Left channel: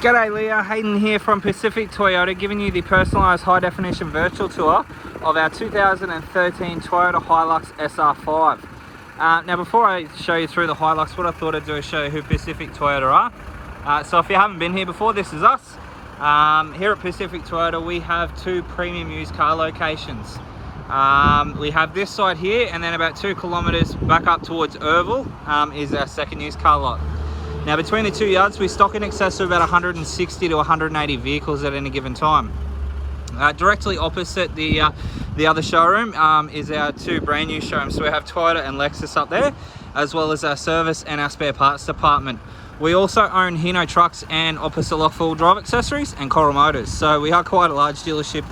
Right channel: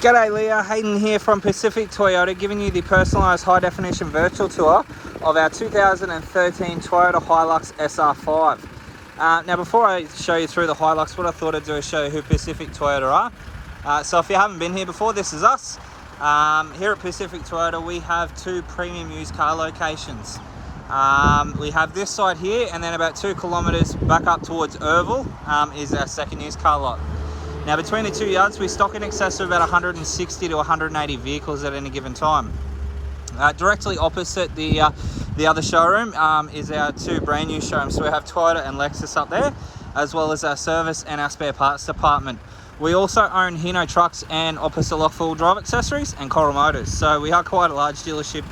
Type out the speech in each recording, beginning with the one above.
G'day Leah, Hayden here from Pacific Toyota, giving you the personalised high definition virtual tour of our 2013 Toyota Hilux SR5. Now before I show you through the Hilux, what I thought I'd do is show you who Pacific Toyota are. So if you haven't been here before, this is us. Here at Pacific Toyota we have two premium used car locations. We have this side here, and then about 2 kilometres back up towards Irville is our second used car lot. Now between the two yards we stock in excess of about 160 to 180 vehicles at any given time. Directly opposite the other showroom is our two brand new showrooms. So we have Toyota and Lexus up there, as well as our service and our spare parts department. We also own Hino trucks and opposite lock full drive accessories and Coral Motors. So we are quite a large dealership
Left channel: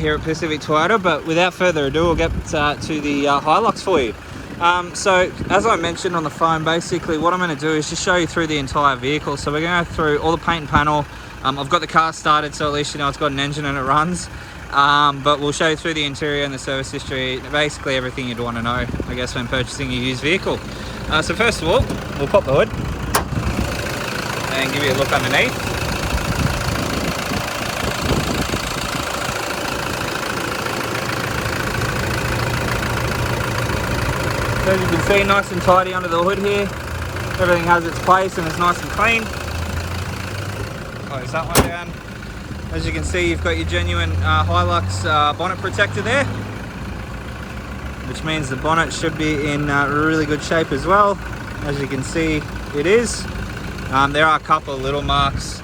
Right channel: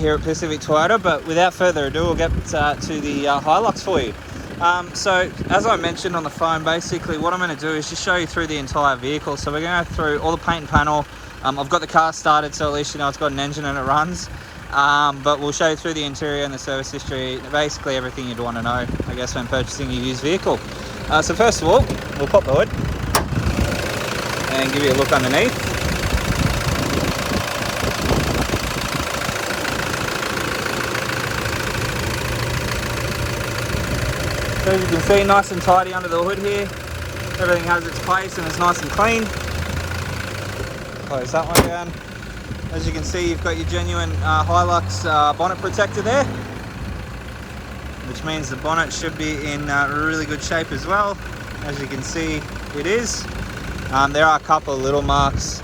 here at Pacific Toyota, but without further ado, we'll get to the Hilux for you. So as I mentioned on the phone, basically what I'm going to do is just show you through the entire vehicle. So we're going to go through all the paint and panel. I've got the car started, so at least you know it's got an engine and it runs. But we'll show you through the interior and the service history, basically everything you'd want to know, I guess, when purchasing a used vehicle. So first of all, we'll pop the hood and give you a look underneath. So as you can see, nice and tidy under the hood here. Everything has its place and it's nice and clean. Close that one down. As you can see, you've got your genuine Hilux bonnet protector there, which means the bonnet should be in really good shape as well. As you can see, it is. There are a couple of little marks.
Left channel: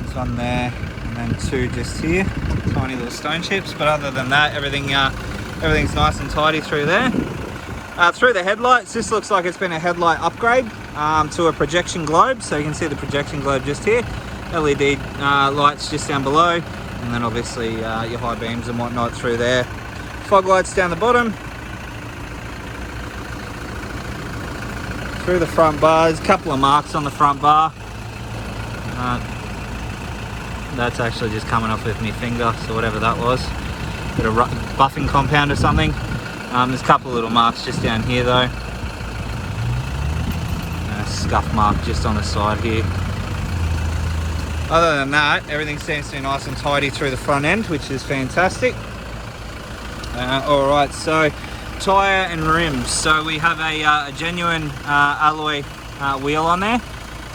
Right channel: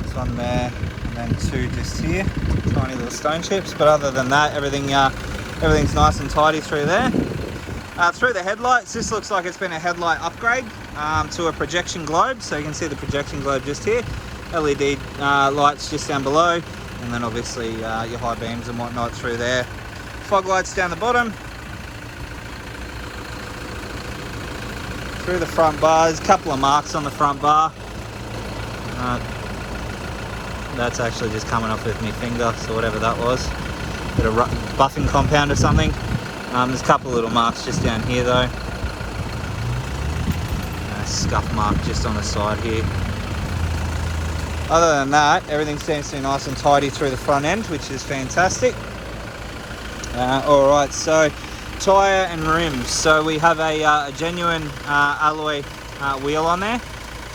It's on there, and then two just here, tiny little stone chips. But other than that, everything's nice and tidy through there. Through the headlights, this looks like it's been a headlight upgrade to a projection globe. So you can see the projection globe just here. LED lights just down below, and then obviously your high beams and whatnot through there. Fog lights down the bottom. Through the front bars, a couple of marks on the front bar. That's actually just coming off with my finger, so whatever that was. Bit of buffing compound or something. There's a couple of little marks just down here though. And a scuff mark just on the side here. Other than that, everything seems to be nice and tidy through the front end, which is fantastic. Alright, so tyre and rims. So we have a genuine alloy wheel on there,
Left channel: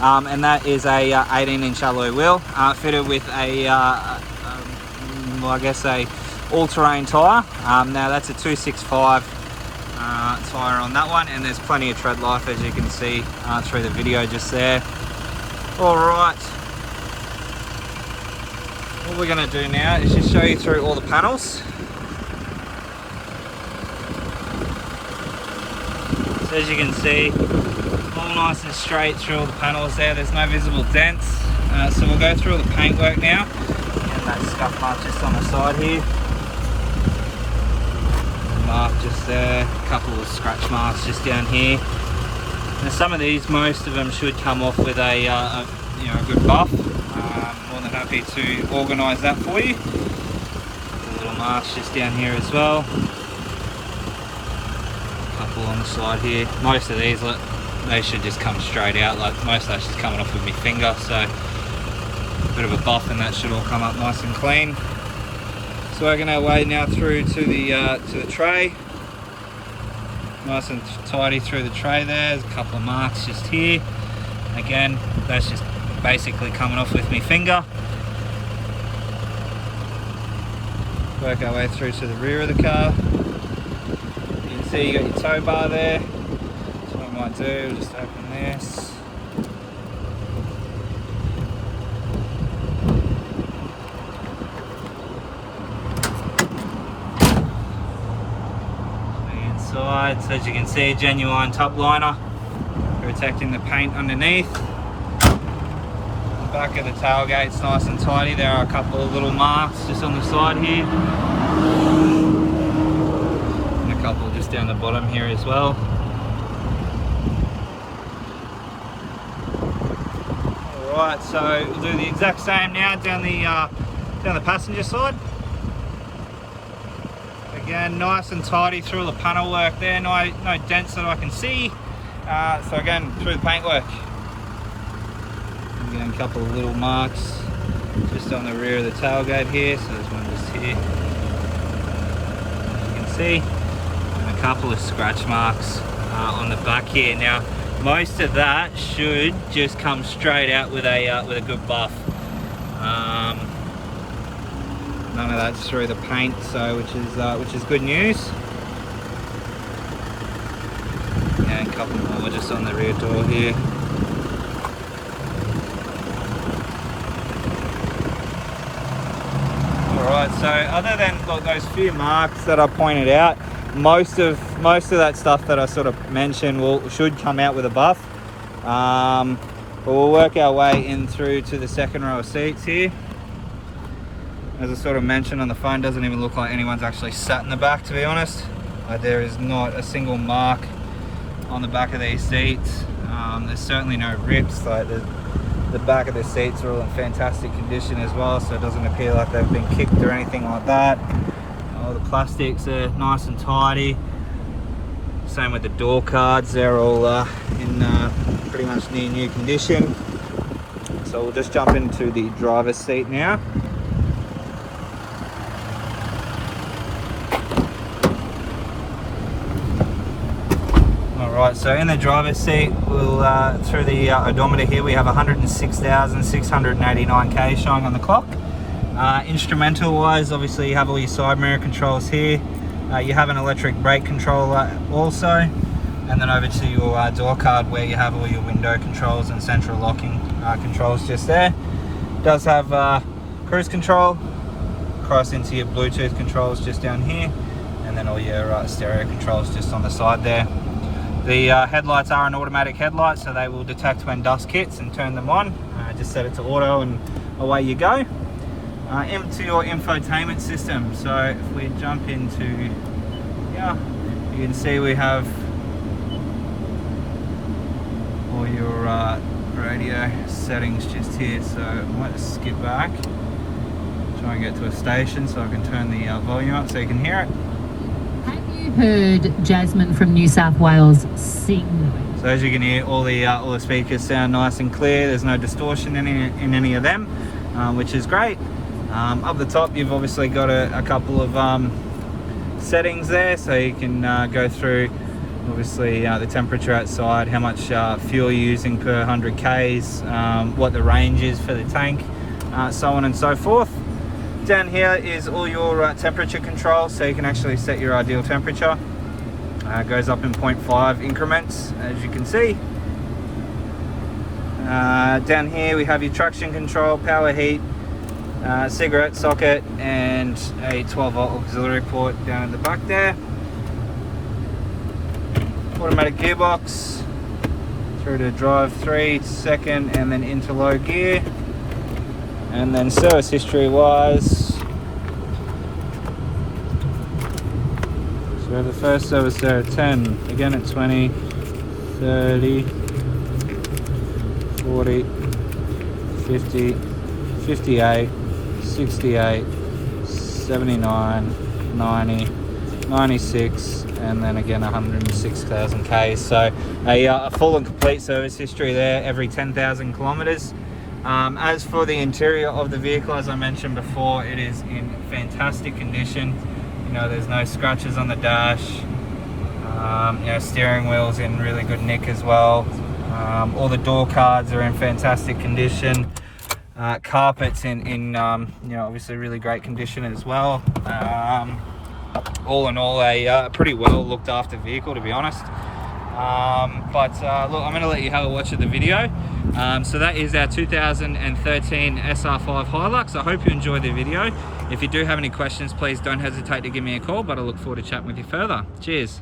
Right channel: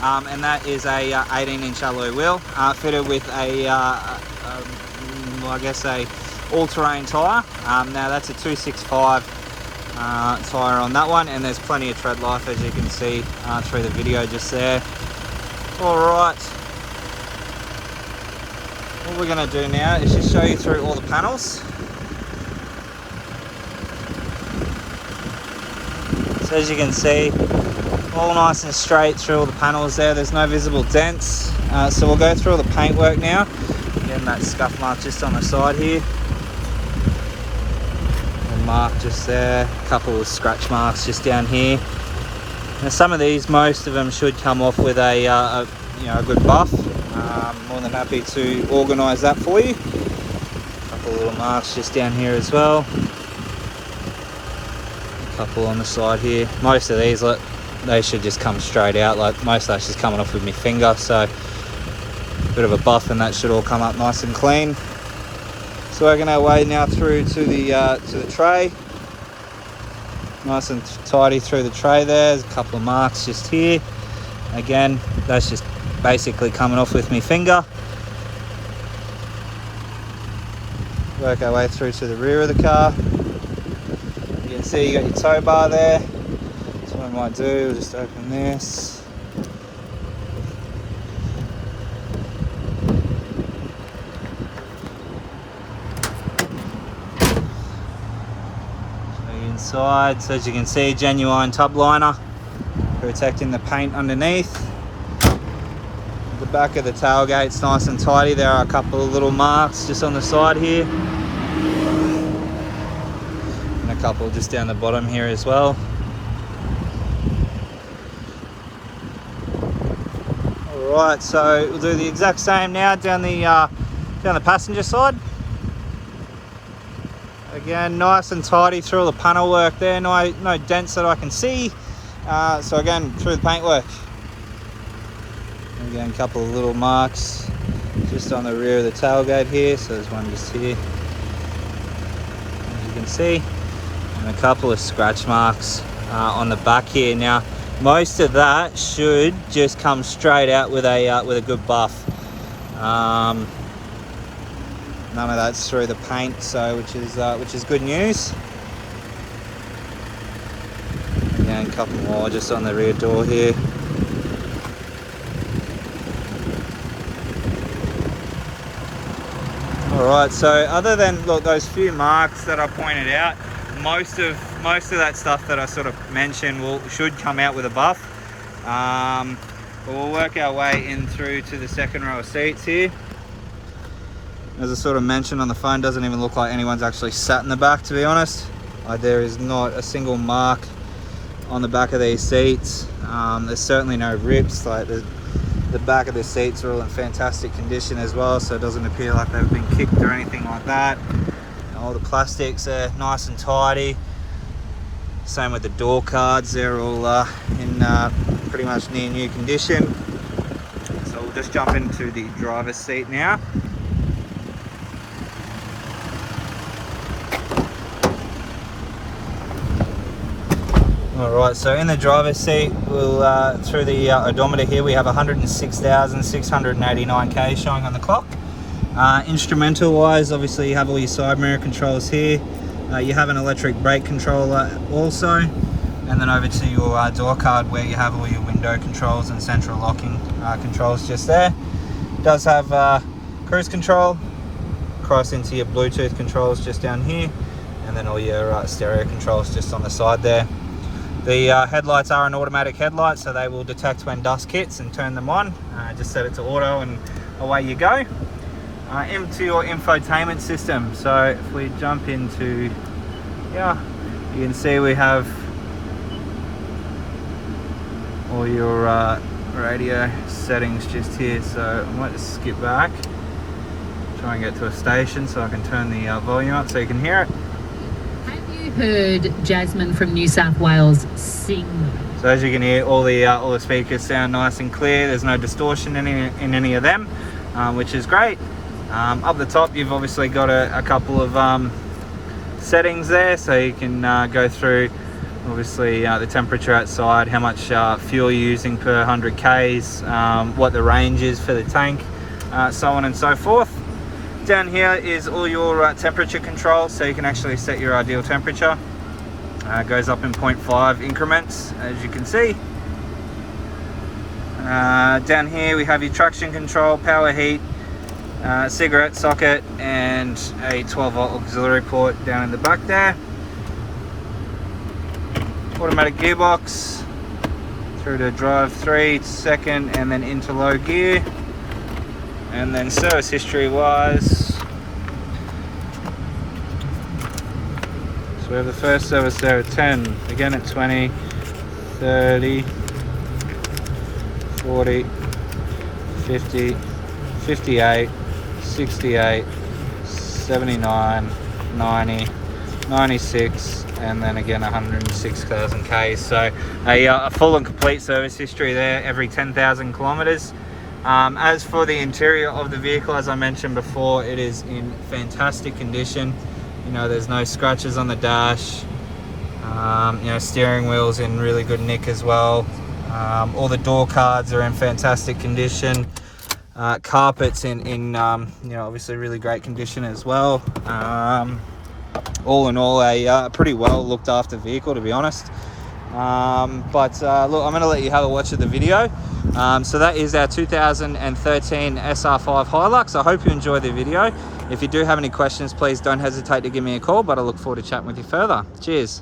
and that is a 18-inch alloy wheel fitted with a all-terrain tyre. Now that's a 265 tyre on that one, and there's plenty of tread life, as you can see through the video just there. Alright, what we're going to do now is just show you through all the panels. So as you can see, all nice and straight through all the panels there. There's no visible dents. So we'll go through all the paintwork now. Again, that scuff mark just on the side here. Mark just there, a couple of scratch marks just down here. Now some of these, most of them should come off with a good buff. More than happy to organise that for you. A couple of little marks just down here as well. A couple on the side here. Most of these, they should just come straight out. Like most of that's just coming off with my finger, so a bit of a buff and that should all come up nice and clean. So working our way now through to the tray. Nice and tidy through the tray there. There's a couple of marks just here. Again, that's just basically coming off with my finger. Work our way through to the rear of the car. You can see you got your tow bar there. So what I might do, just open this. Inside, so as you can see, genuine top liner protecting the paint underneath. The back of the tailgate's nice and tidy. There are a couple of little marks just on the side here, and a couple just down the bottom here as well. Alright, so we'll do the exact same now down the passenger side. Again, nice and tidy through all the panel work there, no dents that I can see. So again, through the paintwork. Again, a couple of little marks just on the rear of the tailgate here. So there's one just here, as you can see, and a couple of scratch marks on the back here. Now, most of that should just come straight out with a good buff. None of that's through the paint, so which is good news. And a couple more just on the rear door here. Alright, so other than those few marks that I pointed out, most of that stuff that I sort of mentioned should come out with a buff. But we'll work our way in through to the second row of seats here. As I sort of mentioned on the phone, doesn't even look like anyone's actually sat in the back, to be honest. There is not a single mark on the back of these seats. There's certainly no rips. Like the back of the seats are all in fantastic condition as well, so it doesn't appear like they've been kicked or anything like that. All the plastics are nice and tidy. Same with the door cards, they're all in pretty much near new condition. So we'll just jump into the driver's seat now. Alright, so in the driver's seat, we'll through the odometer here, we have 106,689 k's showing on the clock. Instrumental wise, obviously you have all your side mirror controls here. You have an electric brake controller also, and then over to your door card where you have all your window controls and central locking controls just there. It does have cruise control, cross into your Bluetooth controls just down here, and then all your stereo controls just on the side there. The headlights are an automatic headlight, so they will detect when dusk hits and turn them on. Just set it to auto and away you go. Into your infotainment system. So if we jump into here, you can see we have all your radio settings just here. So I might just skip back, try and get to a station so I can turn the volume up so you can hear it. Heard Jasmine from New South Wales sing. So as you can hear, all the speakers sound nice and clear. There's no distortion in any of them, which is great. Up the top, you've obviously got a couple of settings there, so you can go through obviously the temperature outside, how much fuel you're using per 100 k's, what the range is for the tank, so on and so forth. Down here is all your temperature controls, so you can actually set your ideal temperature. It goes up in 0.5 increments, as you can see. Down here we have your traction control, power heat, cigarette socket, and a 12-volt auxiliary port down in the back there. Automatic gearbox through to drive 3, second, and then into low gear. And then service history wise, so we have the first service there at 10, again at 20, 30, 40, 50, 58, 68, 79, 90, 96, and then again 106,000 k's. So a full and complete service history there every 10,000 kilometers. As for the interior of the vehicle, as I mentioned before, it is in fantastic condition. You know, there's no scratches on the dash. You know, steering wheel's in really good nick as well. All the door cards are in fantastic condition. Carpets in you know, obviously really great condition as well. All in all, a pretty well looked after vehicle, to be honest. Look, I'm going to let you have a watch of the video. So that is our 2013 SR5 Hilux. I hope you enjoyed the video. If you do have any questions, please don't hesitate to give me a call, but I look forward to chatting with you further. Cheers.